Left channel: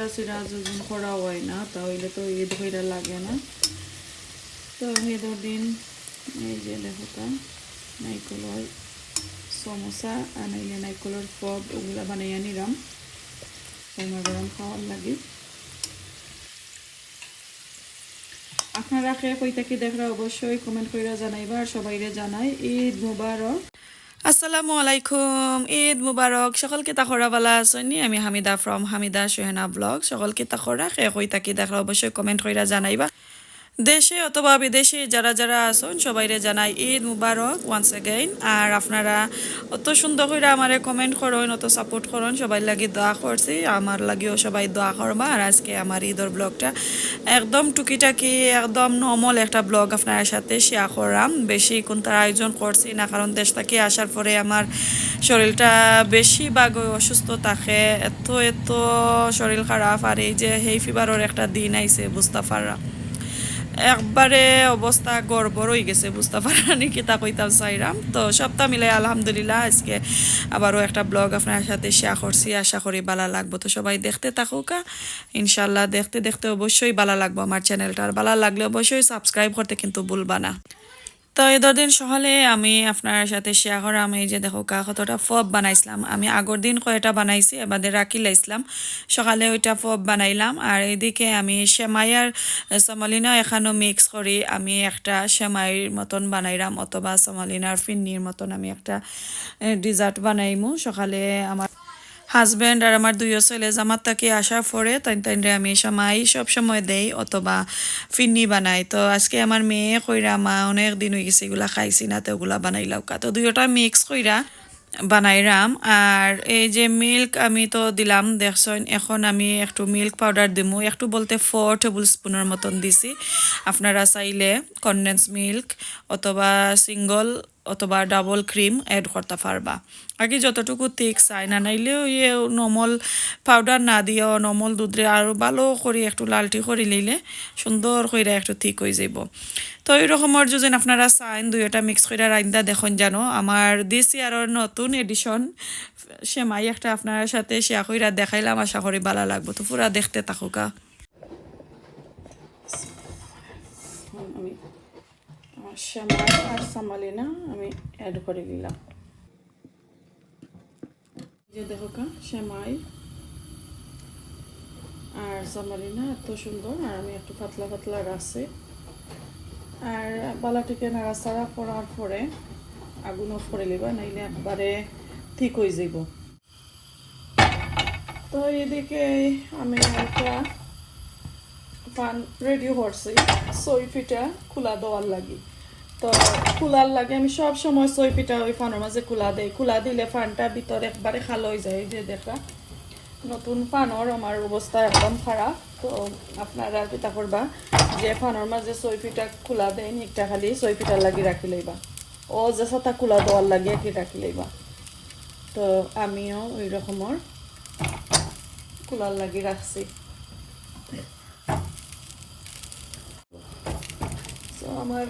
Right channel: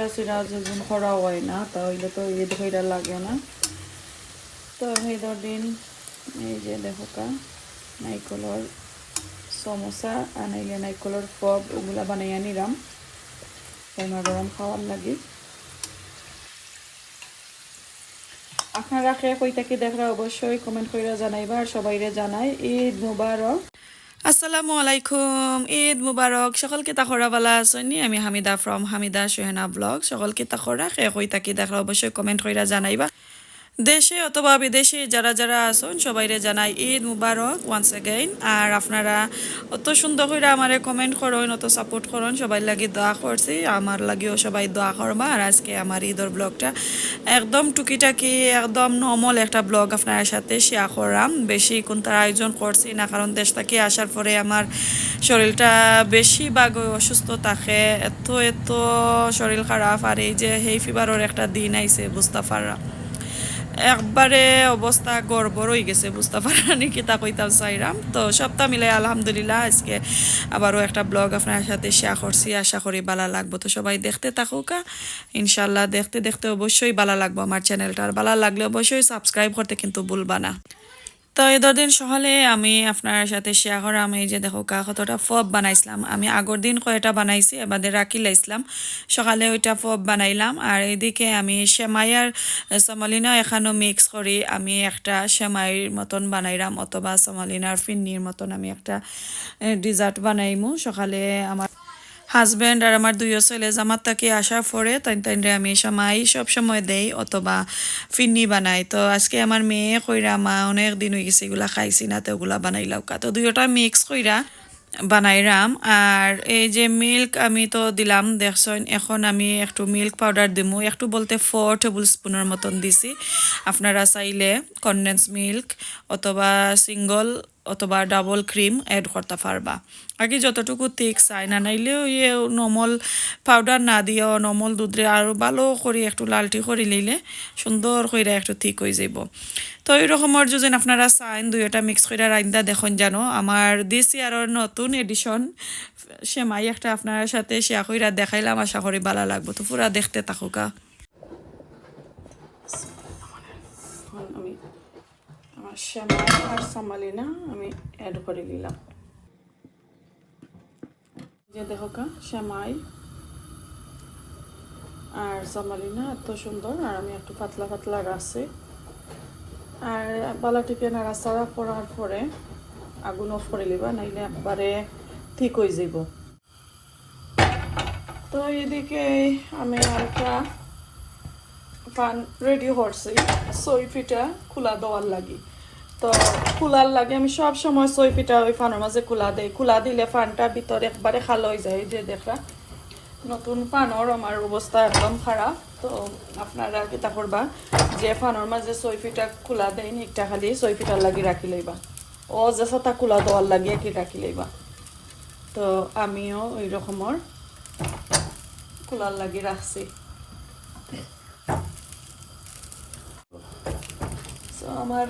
পিঠা চিরা যখন করা হয় না, তাহলে তো ঈদ হইরা লাগে না। তো ঈদের দিন, এই যে দেখো কা, নাইকলের সমোসা, আর নাইলে নাইকলের ফব ওগুলা বানাইয়া নিলাম। গরমা গরম খাওয়ার লাগে। আপনারা খেয়ে কইতা কি দেখরা অবশ্যই কমেন্ট করে জানাইবা, আর সবাইরে জানাই, ঈদ মুবারক। আসসালামু আলাইকুম, ঈদ মুবারক, সকলকে তাখরা বালা আসনি আমি হামিদা ফ্রম হামিদা সোহেনা ব্লগ। সকলকে তাখরা খে কই তাকি দেখা অবশ্যই কমেন্ট কইরা জানাইবা। দেশে অথবা বিদেশে যারা যারা আছেন, সবাইরে জানাই ঈদ মুবারক ওয়ান্স এগেইন আর আপনারা অত সুন্দর করে আমারে কমেন্ট করেন, অত সাপোর্ট করেন, সবাই লাগি দোয়া করছি। আমার লাগিও সবাই দোয়া করবা। আর আজকে আমার ঈদর ব্লগটা একদম টুকিটাকি, একদম নর্মাল একটা ব্লগ আপনার সাথে শেয়ার করলাম বেশি কোনটার আয়োজন করছি না, কারণ দেশ থেকে আসার পরে আমার শরীরটা বেশি বাগ অসুস্থ থাকে। এত এত শরীর খারাপ। আর এই যে হেই ফিভারের একটা দিন আইছে, বুঝতে পারলাম। একবারে অবস্থা গড়বড় হয়ে গেছে বুঝতে পারি কিতা কইতাম সাইরাম তো সপ্তাহ মিলে আলহামদুলিল্লাহ, আজকে আবারও একটা ব্লগ আপনার সাথে শেয়ার করছি, আশা করি ভালো লাগবো। তো সবাই দেখতে থাকুকা ইনশাল্লাহ দেখতে দেখতে অবশ্যই ভালো লাগবো আমার চ্যানেলটা আর ভালো লাগলে অবশ্যই সাবস্ক্রাইব করতে কিন্তু ভুলবা না। তো এদের দিন সকালে আমি আপনার সাথে শেয়ার করা, আমি যে দেখো কা কতটা ফব বানাইছিলাম। আমি আগর দিন কয়টা বানাইছি, এবারে রাখি লাইছিলাম সকালে ওইটা ফব বানাইলাম, আর এইদিকে আমি সেমাইয়ার সমালিনা এখানো মিক্স করি। আমি একটা সেমাইয়ের মতন বানাইলাম, অথবা সমালিনার ফিন্নির মতন আমি একটা ডিজার্ট বানাইমু। সকালে আমার হাজব্যান্ড আর আমার দুইও ছেলে জামাত তাকে আসার পরে তাই তাইরে আমি সময়, সব সময় দেই অথবা ফিন্নি বানাই। তো আজকে আমার মেয়ে কইরা, মা, অনেক দিন হয়ে গেছে, এগুলা খাইছি না, তো ওগুলা বানাইলাও কা। তো দুইটা মিক্স কইরা বানাইরাম। আর এই যে মিল্ক আমি তো দিলাম, দেখছেন, এখন আমি একটু মিল্ক পাউডার দিমু। একটু বলতে ফোর টেবিল স্পুনের মতন দিছি। আপনারা চাইলে কনডেন্স মিল্ক অথবা সিঙ্গল অথবা ডাবল ক্রিম অ্যাড করতে পারবা। আগে যতটুকু ঠিক চাই না নাইলেও ইয়ে নমল পাউডার না দিও নমল দুধরে আরও ভালো করে একটু লালটি করে লইলে সুন্দর করে একটু ঠিক হয়ে যাব তো এই রকমের যদি আপনারা চাইন দুইটা মিক্স করে রাইন্দা দেখুন জানো আমার দিস ইয়ারের নতুন এডিশন সেমাই একটা আপনার সাথে শেয়ার করে দেখাইলাম, আশা করি ভালো লাগবো। তো পুরা দেখতে থাকুকা অ্যাড করে দিলাম। দেখো কা শ্যামাই আর সামালিনা এত সুন্দর, আর আমি একটু পাতলা পাতলা রাখছি আর বালা টিপে নাড়াচাড়া করার পরে আগুন অফ করে লিবা নাইলে একবারে ঠিক হয়ে যাব তো এদিকে আমি একটা রেডি করছি সই পিঠা খোলা দেওয়ার লাগি। তো খোলার লাগে, আমি সব সময় সই পিঠা ওই ফানের মাঝে খোলা দেই। খোলা দিলে ফানটা ভিতরে একবারে খালো হয়ে যায় যে দেখা। নতুন ফানর আমার অবস্থা একদম খারাপ, তো আপনারা পিঠা করবা। যে ফানর মাঝে সই পিঠা খোলা দেয় একটা খালি সই পিঠা লাগি রাখি লইবা। ও যে সাথে খোলা দেওয়ার লাগে কি রাখি লইবা। তো আমিও ওই রকমের খোলার লাগি রাখছি। আমার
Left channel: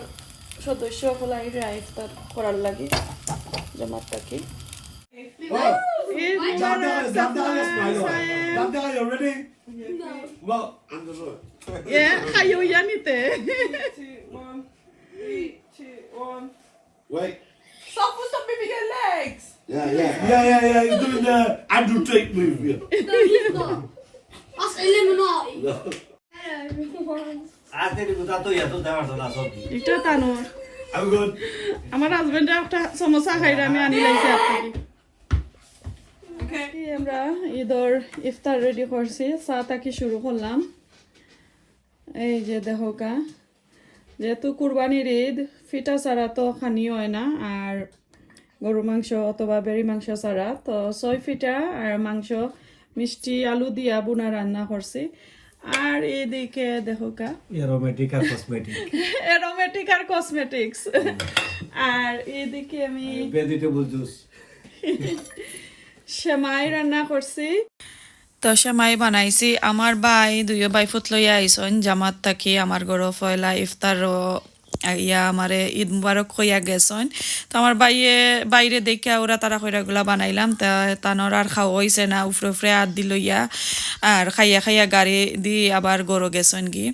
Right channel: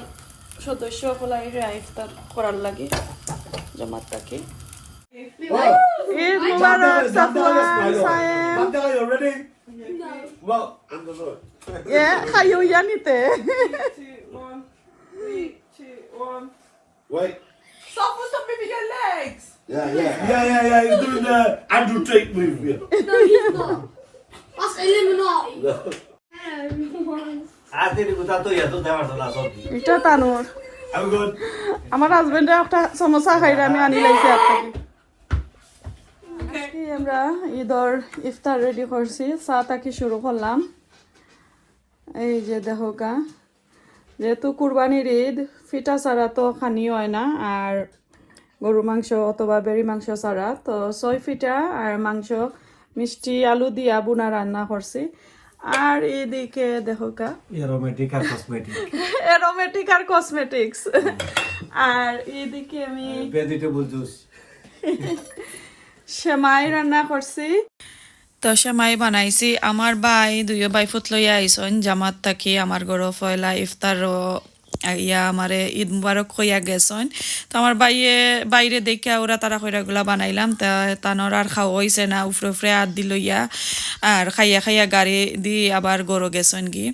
সদস্য হলাই ইফতার করার লাগে জমাত থাকি Bandara, Bandara smile. Bandara, you ready? Well, in the road. Yeah, kayo yan ite. Wait. Stop with some baby your legs. Yeah, yeah. Yeah, yeah, yeah. You're doing the Andrew Tate move. Yeah. No, he's not. That's Illuminati. No. আজকে কোথা এটা তানোর। আমার হাজবেন্ডে একটা সমোসা খাইরা আমি আনি লাইছি আপনাকে। আমরা ঈদর ইফতার রেডি করছি চা তাকি শুরু করলাম। এই যে দেখো কা যেহেতু কুরবানির ঈদ ফিটা ছাড়া তো খানি হয় না আর গরু মাংস অথবা বেরি মাংস ছাড়া। তো ছয় ফিটা আর মাংস মিষ্টি আলু দিয়া বোনা রান্না করছি। আর এদিকে দেখো কা। অ্যারোমেটিক আর কসমেটিক অ্যারোমেটিক আর কসমেটিক্স আর এদিকে আমি ভেজিটেবল জুস সেমাই রান্না করছি। তো সেমাই বানাইছি। আমার বাই দুইও ভাই ফুট লইয়া আইসন জামাত থাকি আমার গরো ফয়লা ইফতার ইয়া আমারে ঈদ মুবারক কইয়া গেছন। তো আমার বাইয়ে, বাইরে দেখিয়া ওরা তারা কইরাগুলা বানাইলাম, তা তানোর আর খাওয়া হইছে না, উফরে উফরে হাত দিল ইয়া আর খাইয়া খাইয়া গাড়ি দি আবার গরো গেছন কি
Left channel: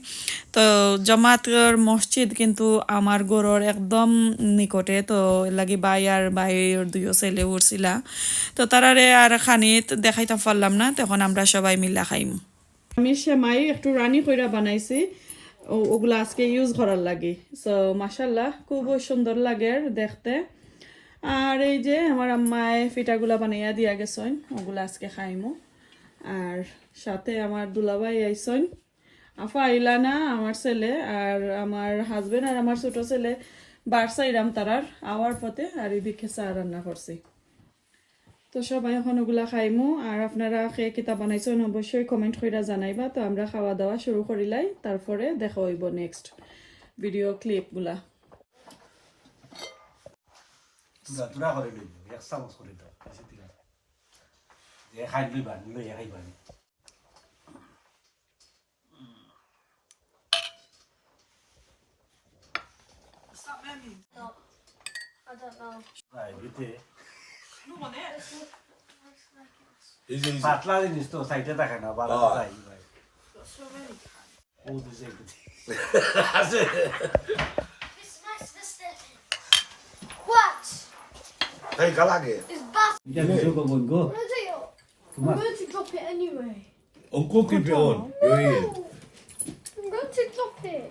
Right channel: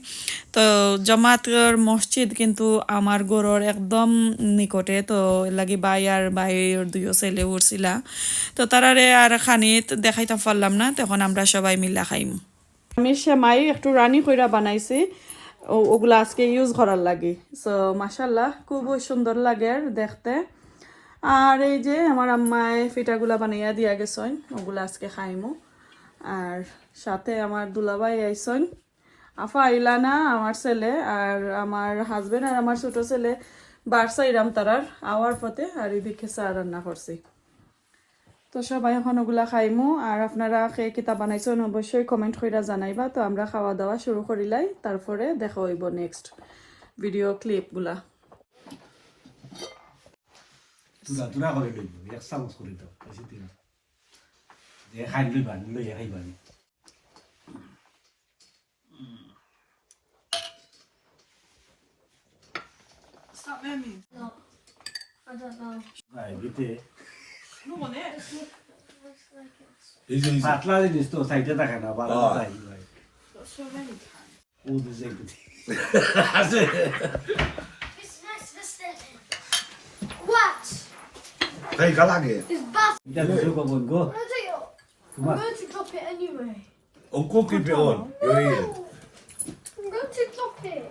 তো জমাতর মসজিদ কিন্তু আমার গরুর একদম নিকটে, তো লাগি বাই আর বাইর দুইও ছেলে উঠছিলা তো তারারে আর খানিত দেখাইতে পারলাম না, তখন আমরা সবাই মিলা খাইম। আমি সেমাই একটু রানি কইরা বানাইছি। ওগুলা আজকে ইউজ করার লাগে। সো মাসাল্লাহ খুব সুন্দর লাগে দেখতে। আর এই যে আমার আম্মায় পিঠাগুলা বানাইয়া দিয়া গেছেন, ওগুলা আজকে খাইমু। আর সাথে আমার দুলাভাই আইসন আফা আইলা না আমার ছেলে আর আমার হাজবেন্ড আর আমার ছোট ছেলে বারসাইরাম তারার আওয়ার পথে আর এদিকে চা রান্না করছি। তো সবাই এখন ওগুলা খাইমু আর আপনারা খেয়ে কিতা বানাইছেন অবশ্যই কমেন্ট কইরা জানাইবা তো আমরা খাওয়া দাওয়া শুরু করিলাই তারপরে দেখা হইব নেক্সট ভিডিও ক্লিপগুলা তুলা তুলা করে লইব এক চামচ করে দাও বেশি দিন যে খাই লইবা লইয়া খাইবা Stop memory. I don't know. গায়ে পাতলা জিনিস তো সাইডে থাকে না বালা Ah. তাই ভাই So many. ও দিছে দিতে It's next to the station. What? Hey, Galage. It's bad. এটা কিছু কব গো I'm gonna take it. I'm তোমার going to drop it anyway. Uncle, keep it on. You're here. I'm going to drop it.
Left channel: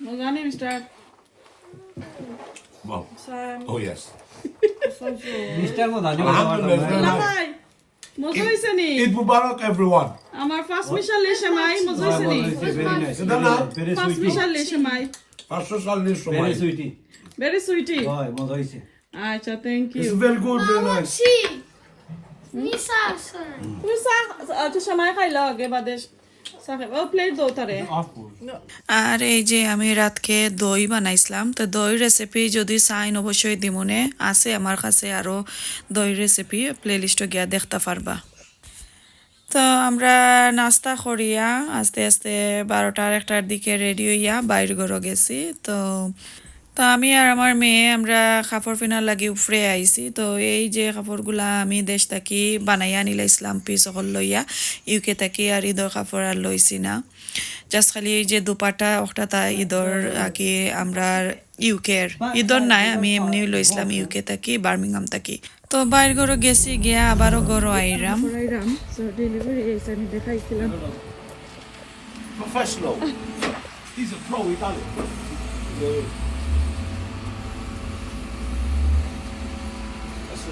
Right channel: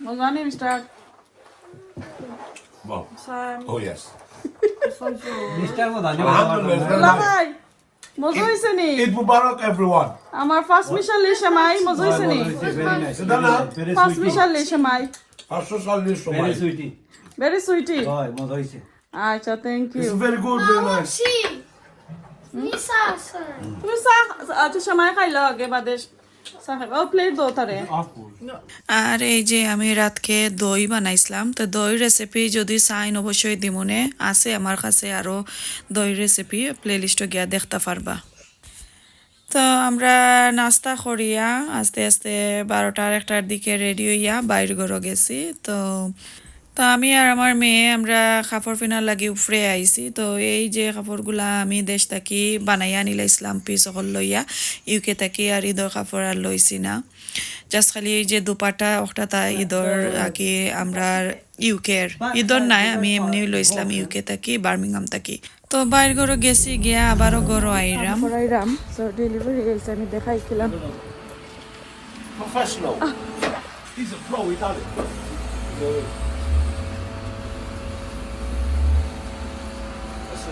মজানি mister Mom. Oh, yes. Mister Md Dani Alhamdulillah. মজা হয়েছে নি? Eid Mubarak, everyone. আমার first mission লে সেমাই মজা হয়েছে নি? ফার্স্ট মিশন লে সেমাই Pastor Salih very sweety very sweety হয় মজা আচ্ছা thank you It's very good, very nice. See? Nisa, son. আচ্ছা সময় খাইলা আগে বাদে। আর এই যে আমি রাতকে দই বানাইছিলাম তো দই রেসিপি যদি চাইন অবশ্যই দিমনে। আছে আমার কাছে আরও দই রেসিপি প্লেলিস্টে গিয়া দেখতে পারবা। তো আমরা নাস্তা করিয়া আস্তে আস্তে বারোটার একটার দিকে রেডি হইয়া বাইর ঘরও গেছি। তো তো আমি আর আমার মেয়ে আমরা কাপড় পিনার লাগি উফরে আইছি। তো এই যে কাপড়গুলা আমি দেশ থাকি বানাইয়া নিলাইছিলাম পিস অকল লইয়া ইউকে থাকি আর ঈদর কাপড় আর লইছি না। জাস্ট খালি এই যে দুপাটা ওটা তা ঈদর আগে আমরা ইউকের ঈদর নাই আমি এমনি লইছিলাম ইউকে থাকি বার্মিংহাম থাকি। তো বাইর ঘরও গেছি গিয়া আবারও গরো আইরাম। আইরাম সো ডেলিভারি গেছে আমি দেখাইছিলাম।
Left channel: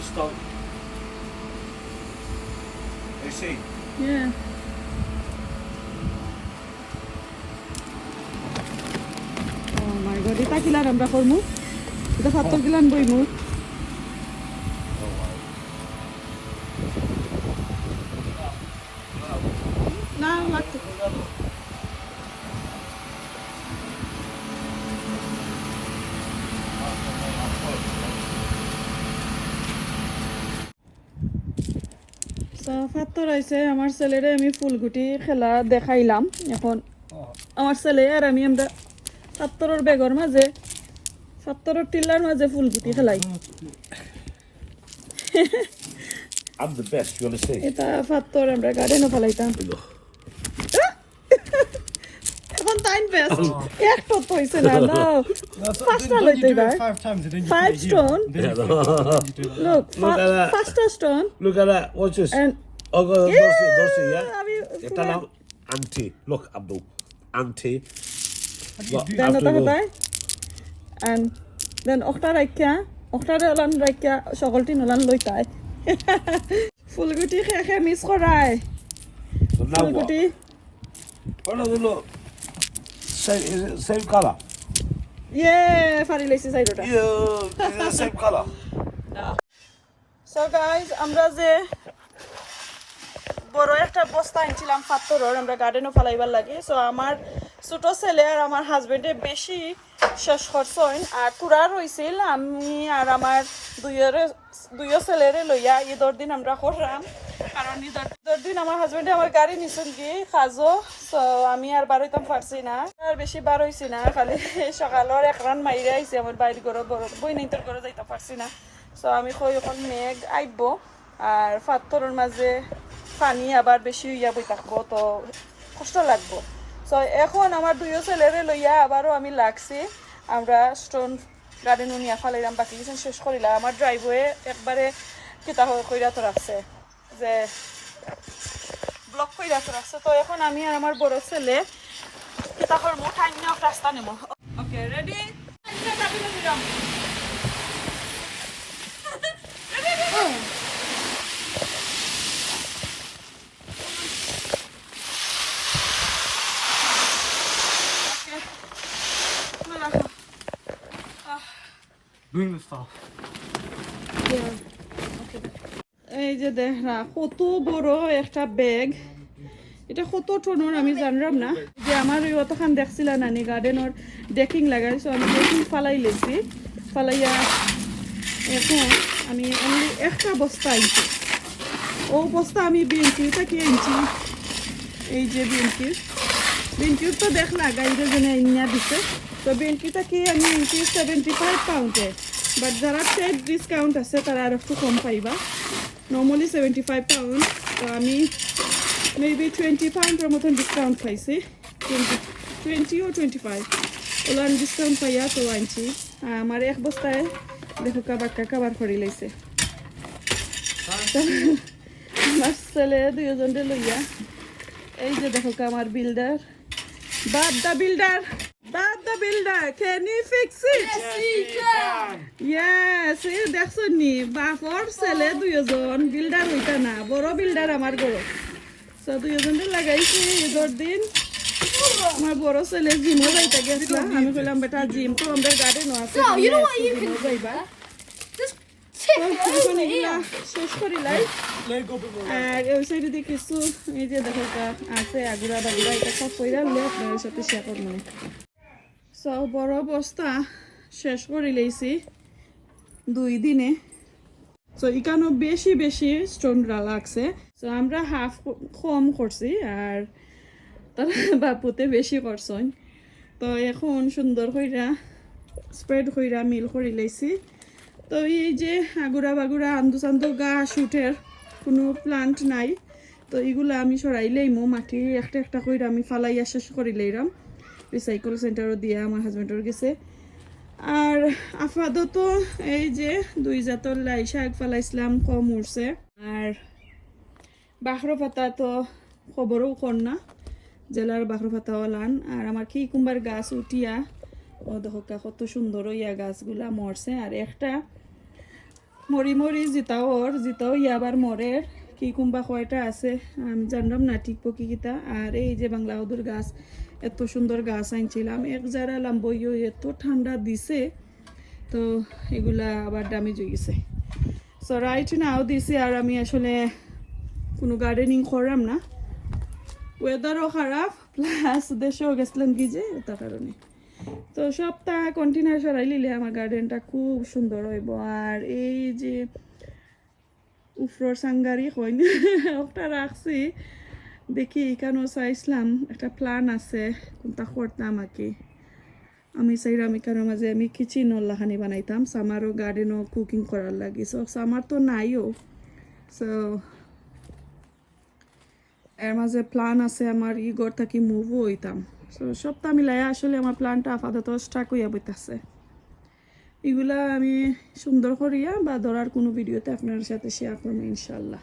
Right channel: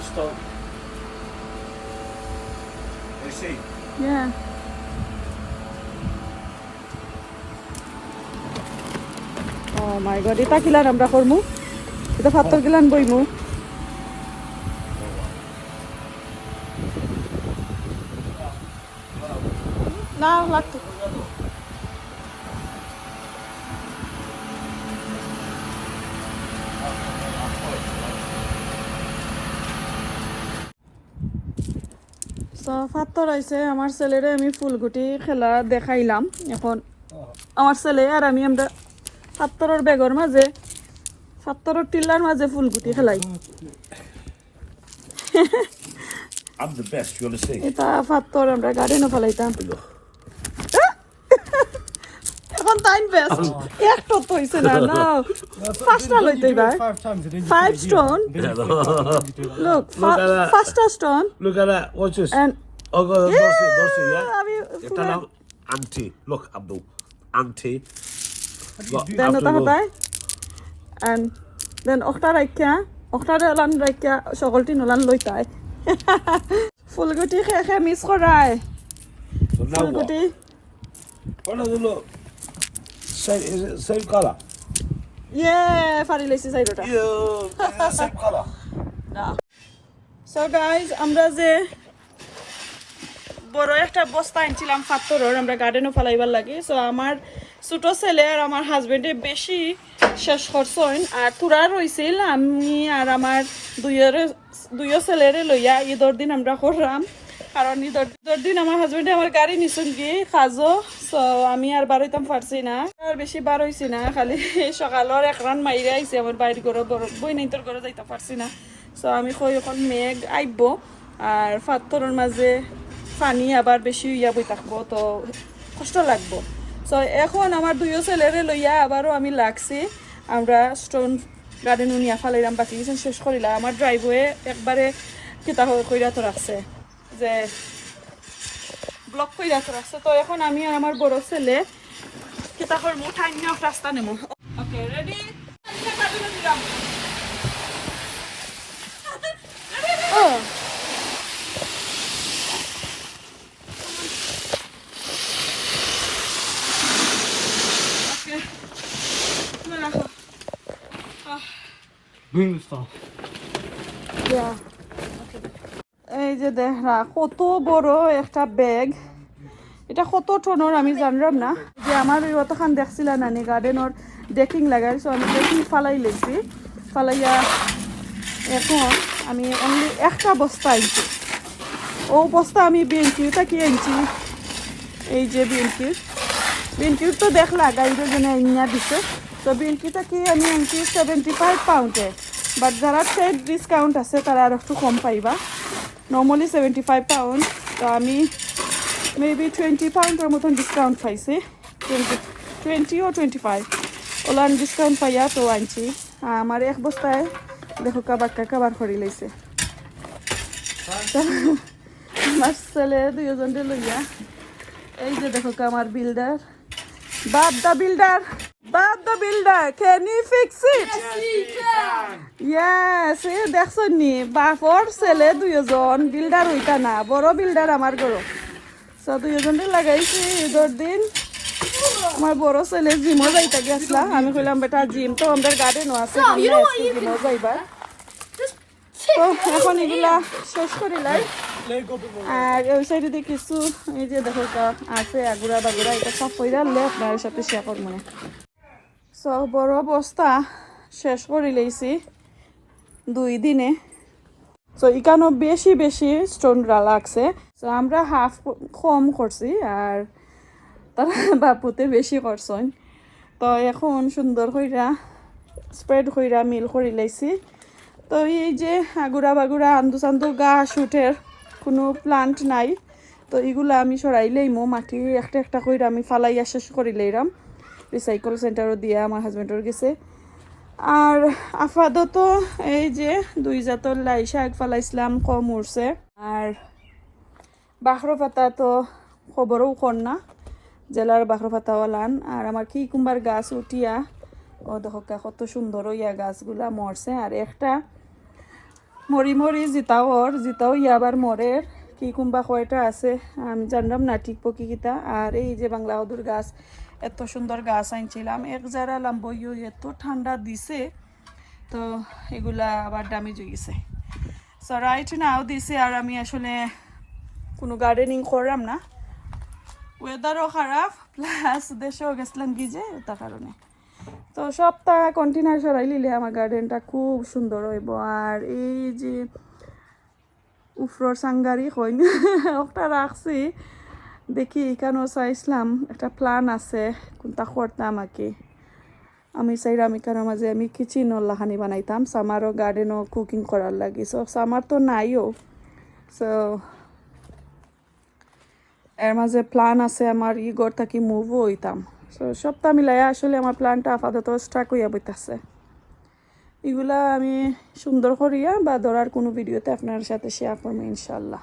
Start. You see? Yeah. Oh my god, এটা কিলার আমরা করমু এটা ফাত্তর গিলান বইমু না লাগতো হয়েছে আমার ছেলেরে আমি ফুলগুটি খেলা দেখাইলাম। এখন আমার ছেলে আর আমি আমরা ফাত্তরের বেগর মাঝে ফাত্তরের টিল্লার মাঝে ফুলগুটি খেলাই? এটা ফাত্তর আমরা গার্ডেনও ফেলাইতাম এখন টাইম বেস্ট একটু তো হইছে না না। হইতে five stone look stone. Oh, God, yeah, don't see, don't see, yeah? It's an anti. Look, Abdul. Anti. Look, then ওটা Abdul, look. and then রাখিয়া ওটা ওলান রাখিয়া সকলটি নোলান লইতাই ফুলগুটি খেয়ে খেয়ে মিস করায় So now what? ফুলগুটি Oh, no, look. Same, is it same color? ইয়ে ফারি লাইছি সাইডটা Yeah, is it same color? So guys আমরা যে বড় একটা বস্তা আনছিলাম পাথরের আমরা গার্ডেনও ফেলাইবার লাগে। সো আমার ছোট ছেলে আর আমার হাজবেন্ডে বেশি শেষ করছেন। আর তুরা রইছিল আমি আর আমার দুইয়ের দুইও ছেলেরে লইয়া ঈদর দিন আমরা করলাম। কারণ ঈদর ঈদর দিন আমার হাজবেন্ডে আমার গাড়ি নিছুন কি কাজও সো আমি আর বার হইতাম পারছি না। আর বেশি বার হইছি না, খালি সকালের এক রান মাইরে আইছি, আমার বাইরে ঘরে বই নিতর ঘরে যাইতে পারছি না। সো আমি কই, এখন মেঘ আইব আর ফাত্তরের মাঝে পানি আবার বেশি ইয়া বই থাকব, তো কষ্ট লাগবো। সো এখন আমার দুইও ছেলেরে লইয়া আবারও আমি লাগছি। আমরা স্টোন গার্ডেন নিয়া ফালাইলাম, বাকি কিছু শেষ করিলাম। আমার ড্রাইভওয়ে একবারে কিতা কইরা তো রাখছে, যে ব্লক কইরা তো রাখছে। তো এখন আমি আর আমার বড় ছেলে কিতা করব ঠাই নিয়ে রাস্তা নেব okay ready Oh. Okay. Nu রাখো। আহ, Bring the stuff. yeah. এই যে দেখ না কত বড় একটা ব্যাগ এটা কত টনের আমি জানলাম না। যে আমার অতখান দেখছিলাম নানি গার্ডেনের ডেকিং লাগাইছো আমি ডেকিং ফালাই লেছি। ফালাইয়া এখন আমি only একটা বস্তা আনছি। ও বস্তা আমি বিএনকিউটা কি আনছি। এই যে বিএনকিউ বিএনকিউ তো দেখলা গাড়ির জন্য ইন্যা দিছে। তো বিএনকিউটা কি আমি আনছি সেভেন্টি ফাইভ পাউন্ডে বাট যারা ট্রেড ডিসকাউন্ট আছে, তারা আর একটু কম পাইবা। নর্মালি সেভেন্টি ফাইভ পাউন্ড তো আমি মেবি টোয়েন্টি পাউন্ডের মতন ডিসকাউন্ট পাইছি। টোয়েন্টি টোয়েন্টি ও টোয়েন্টি ফাইভ ওলান ডিসকাউন্ট পাইয়া তো আনছি। আমার এক বস্তায় দেখো কাবার কাবার করে লাইছে আমার ছেলে দুজনকে লইয়া, এই যে দেখো আমার builder Bob the builder Bob the builder can you fix it yes এ দেখছ নি বাপর ছেলে দুইজন বিল্ডার হইতা না বড় বিল্ডার আমার গরো সো দুইজনে লাগাইছি ঈদের দিন। আমার বড় ছেলে জিমও যাইতে গেছিলাম আমি কইলাম বেটা জিম তো আমাদের গার্ডেনও আছে জিমও যাইবা। তো এখন এগুলা শেষ করিলাই আর ওই সাইডে দিয়ে কিছু এই যে দেখো আছে আগুরা বাগুরা এটা সব কইরা লে আপনার সাথে শেয়ার মানে সব বড় বস্তা শেষ করে লইছি দুই দিনে। সো এখানেও বেশি বেশি স্টোনরা লাগছে। সো আমরা হাফ কম করছি আর তারা বাপুতে বেশি করছেন। তো এখন সুন্দর কইরা স্প্রেড কইরা মিল করে লাইছি। তো এই যে আগুরা বাগুরা আন্দু চান্দু গাছ উঠের কোনো প্লান্ট নাই। তো এগুলো আমি সরাইলেই মো মাটি একটা একটা কইরা আমি ফালাইয়া শেষ করে লইলাম রিসাইকেল সেন্টারও দিয়ে আমার হাজব্যান্ডের গেছে। আর আপাতত এই যে দুই জাতর লাই শাক ফালাইছিলাম কম উঠছে আর বাখরো পাতা তো খবরও কর না, জেলার বাখরো পাতা ওলান। আর আমার কি কুম্বার গাছ উঠিয়া, ও দেখো কত সুন্দর ইয়া গাছগুলা মরছে। আর একটা মরি মরি জিতাও ওর, জিতাও ইয়াবার মরের কি কুম্বা কয়টা আছে, আমি জানলাম না ঠিক পকি কিতা। আর এই যে বাংলা হদুর গাছ এত সুন্দর গাছ আনছিলাম। এক যারা লাম্বইও এত ঠান্ডা দিছে, তো এগুলা আবার দামি জুগিছে সো রাইট নাও দিছে আর আমি আসলে কোনো গার্ডেনিং করলাম না। ওয়েদারও খারাপ প্লাস দেশেও গেছিলাম কি যে তার কারণে। তো সপ্তাহ কন্টেনার সরাই লিলে আমার গার্ডেনটা খুব সুন্দর হইব। আর এই যে উফরর সাঙ্গারি না, ওটা রাখছি। দেখি এখানেও চাইছিলাম। একটা প্ল্যান আছে, কোনটা করতাম আর কি। আমি চাইলাম কেন মাঝে আমি কিচেন লাহানি বানাইতাম সামারও গার্ডেনও কুকিং করার লাগি। সো সামার তো নাইও সো এর মাঝে প্ল্যান আছে, আমার ই ঘর থাকি মুভও হইতাম। সো সবটা মিলাই আসলে আমার প্ল্যানটা আপাতত স্টাক হইয়া বইতাছে। এগুলা আমি সুন্দর করিয়া বা ধরার কোনো ভিডিওতে আপনার সাথে শেয়ার করব ইনশাল্লাহ